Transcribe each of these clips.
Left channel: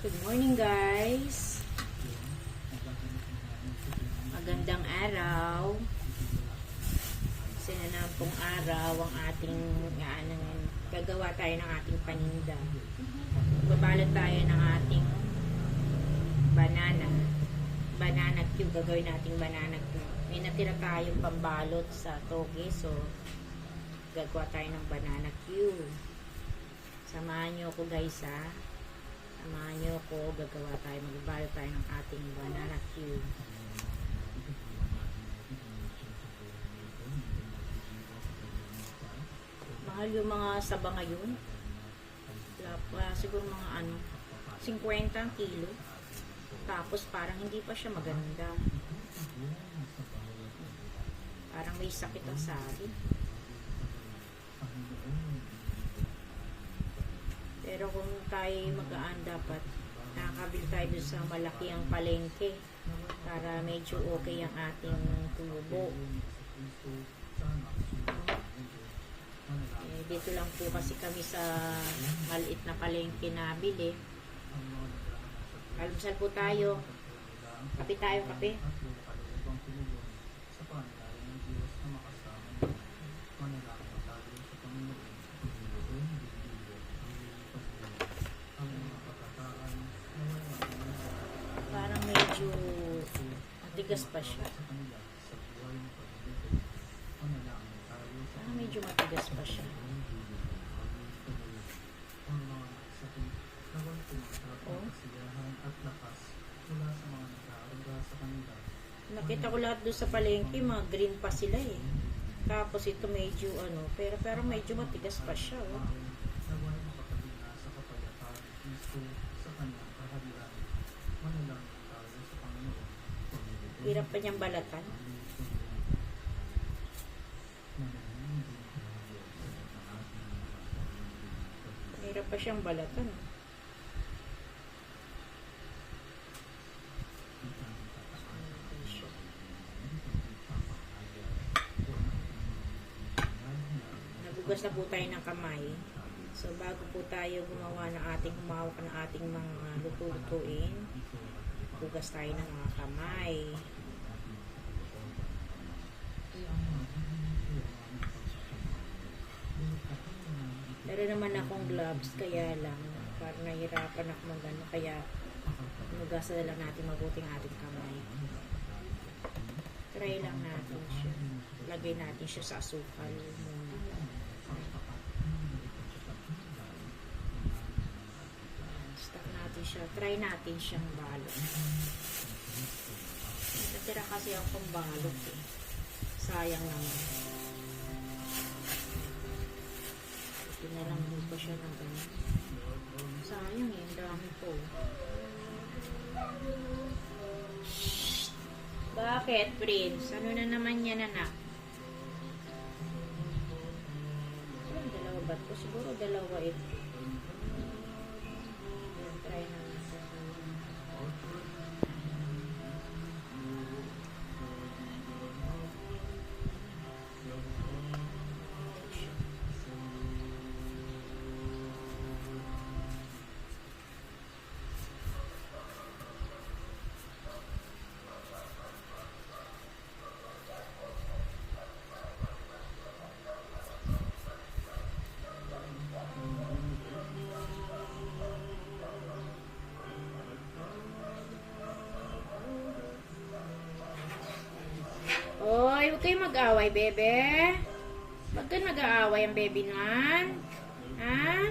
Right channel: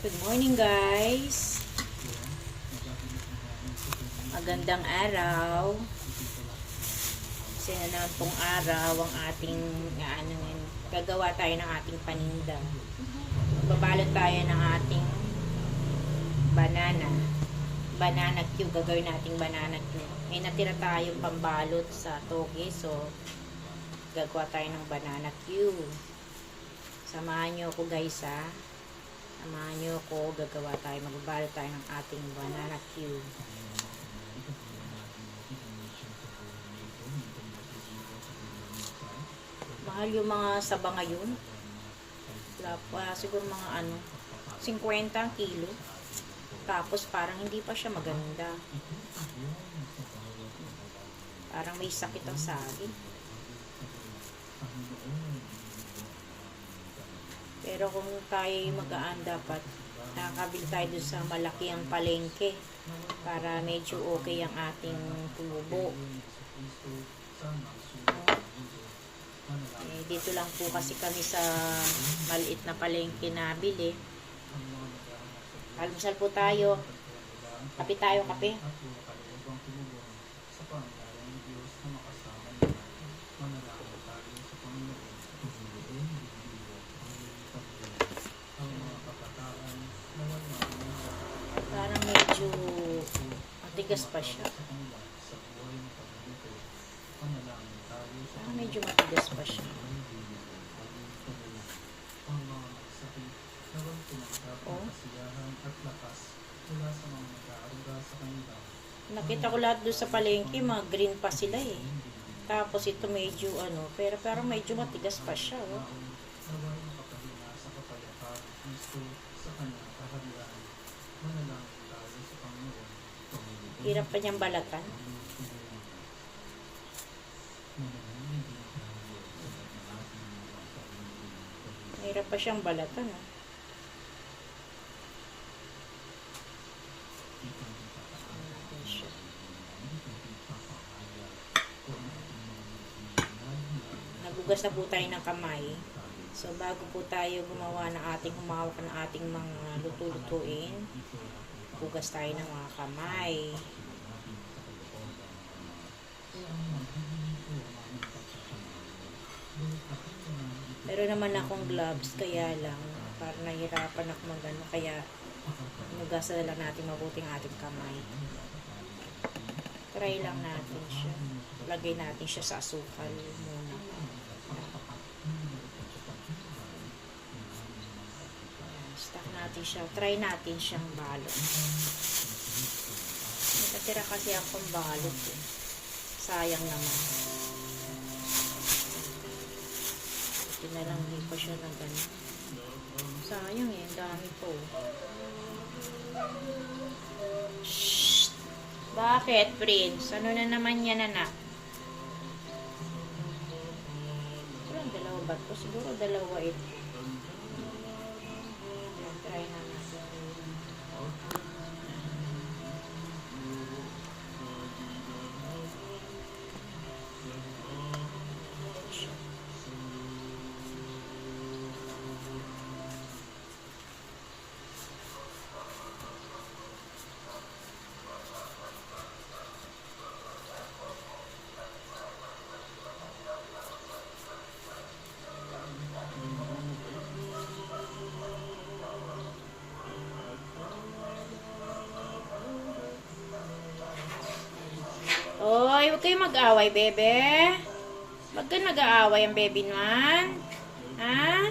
Good morning guys. Magandang araw. Kasi na naman pong araw ang ating gagawa tayo ng ating paninda. Babalot tayo ng ating banana cube. Gagawin nating banana cube. May natira tayong pambalot sa toge, so gagawa tayo ng banana cube. Samahan nyo ako guys ha. Samahan nyo ako, gagawa tayo, magbabalot tayo ng ating banana cube. Mahal yung mga saba ngayon. Siguro mga 50 ang kilo. Tapos parang hindi pa siya maganda. Parang may sakit ang saging. Pero kung tayo magaan, dapat nakakabili tayo doon sa malaki ang palengke para medyo okay ang ating tubo. Dito lang po kasi kami sa maliit na palengke na bili. Almusal po tayo. Kape tayo, kape. Parang medyo matigas pa siya. Parang medyo matigas pa siya. Oh. Nakita ko lahat doon sa palengke, mga green pa sila eh. Tapos ito medyo pero parang medyo matigas pa siya oh. Hirap pa niyang balatan. Hirap pa siyang balatan oh. Nagugas na po tayo ng kamay. So bago po tayo gumawa ng humawak ng ating mga luto-lutuin, hugas tayo ng mga kamay. Pero naman akong gloves, kaya lang parang nahirapan ako magano, kaya hugasan na lang natin mabuting ating kamay. Try lang natin siya. Lagay natin siya sa asukal muna. Stack natin siya. Try natin siyang balot. Natira kasi akong balot eh. Sayang naman. Tinalangi pa siya ng ganyan. Sayang eh. Ang dami po. Shhh! Bakit, Prince? Ano na naman yan, anak? Siguro dalawa ba ito? Siguro dalawa ito. Try na natin. Oy, huwag kayo mag-away, bebe. Huwag kayo nag-aaway ang baby naman. Ha?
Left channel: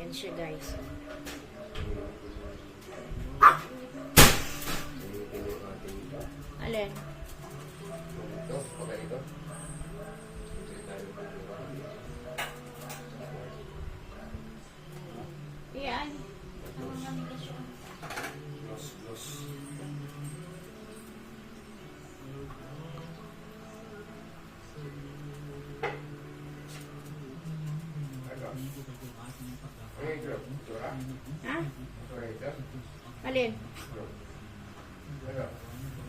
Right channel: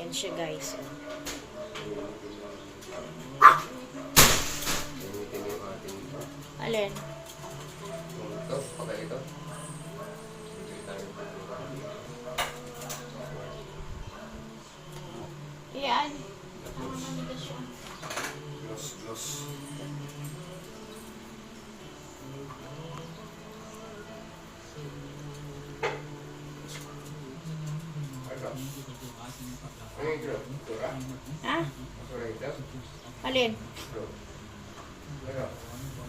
Yan siya, guys. Alin? Ito, papel ito. Yan. Matigas siya. Gloss. Ano yung grab? Tura? Ha? Tura yung grab? Alin? Ano?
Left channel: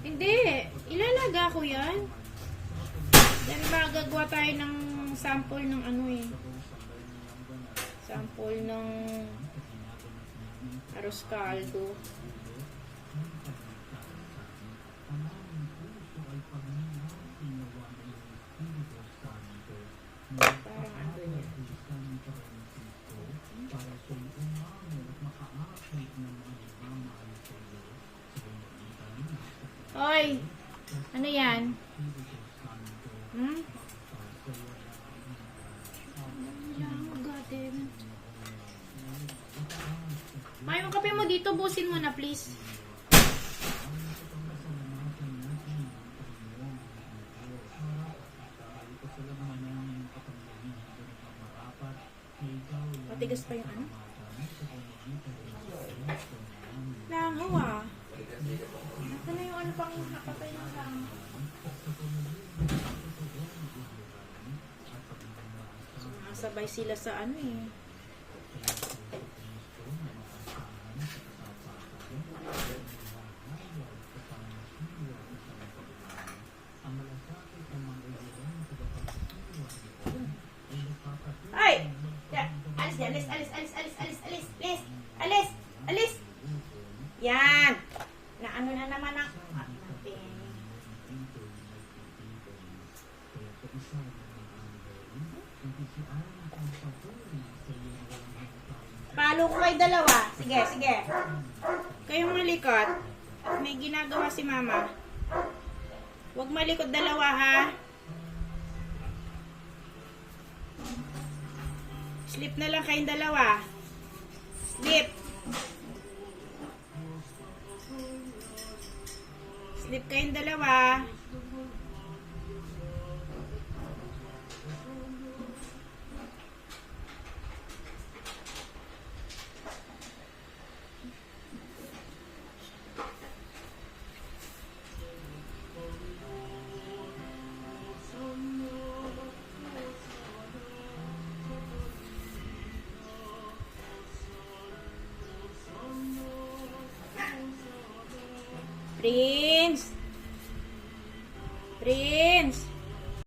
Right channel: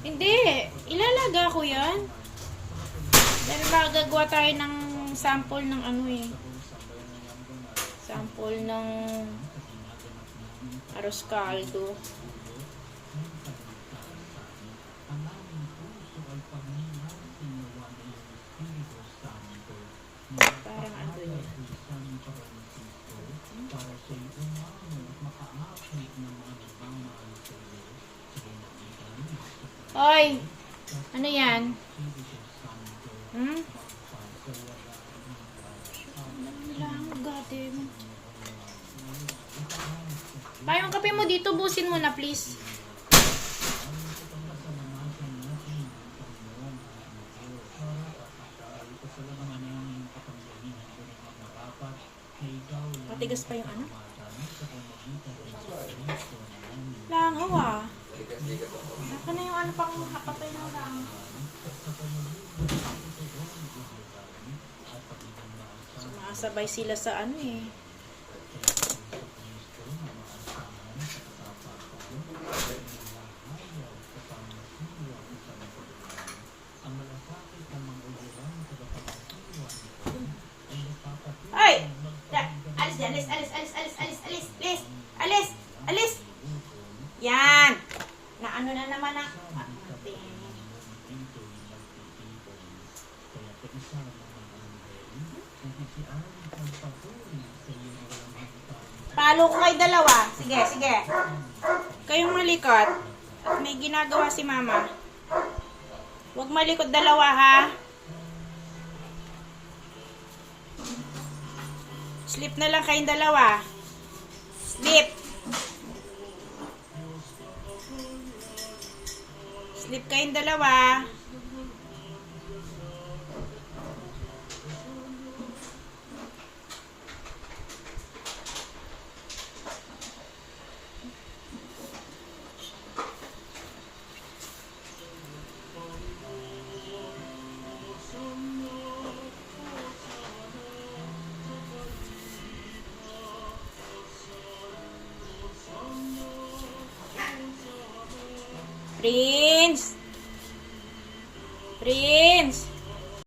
Hindi. Ilalag talaga ako yan. Dahil gagawa tayo ng sample ng ano eh. Sample ng arroz caldo. Parang ano yun. Hoy! Ano yan? Hmm? Pa, yung kape mo dito, busin mo na please. Patigas pa yung ano? Langaw ah. Likat-likat ako. Naka na yung ano pang hapatay ng langaw. Sumasabay sila sa ano eh. Ay! Alis, alis, alis, alis, alis, alis, alis, alis, alis, alis. Yan. Na ano na naman ang palo ko kay dalawa. Sige, sige. Kayong malikot. May ginagawa si mama. Huwag malikot dalawa ha. Sleep na lang kayong dalawa. Sleep. Sleep kayong dalawa. Prince! Prince!